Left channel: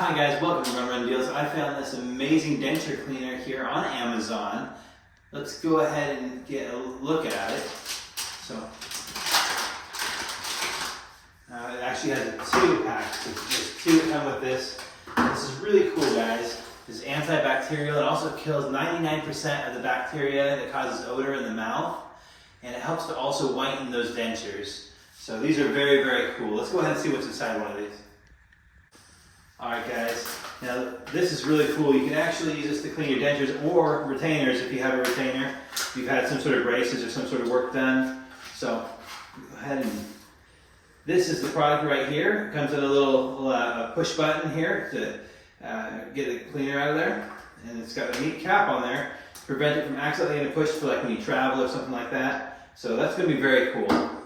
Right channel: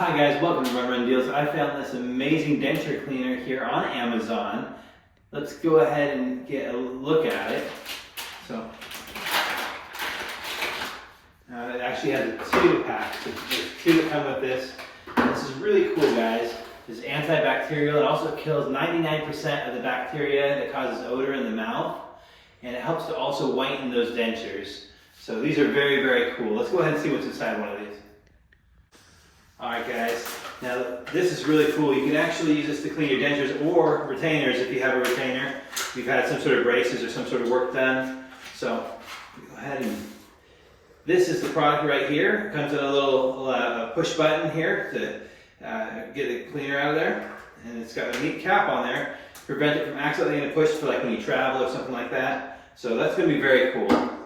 Hi guys, welcome to Run Deals. I found this amazing denture cleaner here on Amazon. Let's go ahead and get a look at it. So, it actually has a 2-pack, so there's 2 that come with this. And this is really cool, guys. It's antibacterial. It also kills 99% of the bacteria that causes odor in the mouth. And it helps to also whiten those dentures. So these are very, very cool. Let's go ahead and see what's inside one of these. Alright guys, now this is really cool. You can actually use this to clean your dentures or retainers if you have a retainer. You've had some sort of braces or some sort of work done. So go ahead and, this is the product right here. It comes in a little push button here to get the cleaner out of there. And it's got a neat cap on there to prevent it from accidentally getting pushed for like when you travel or something like that. So that's going to be very cool.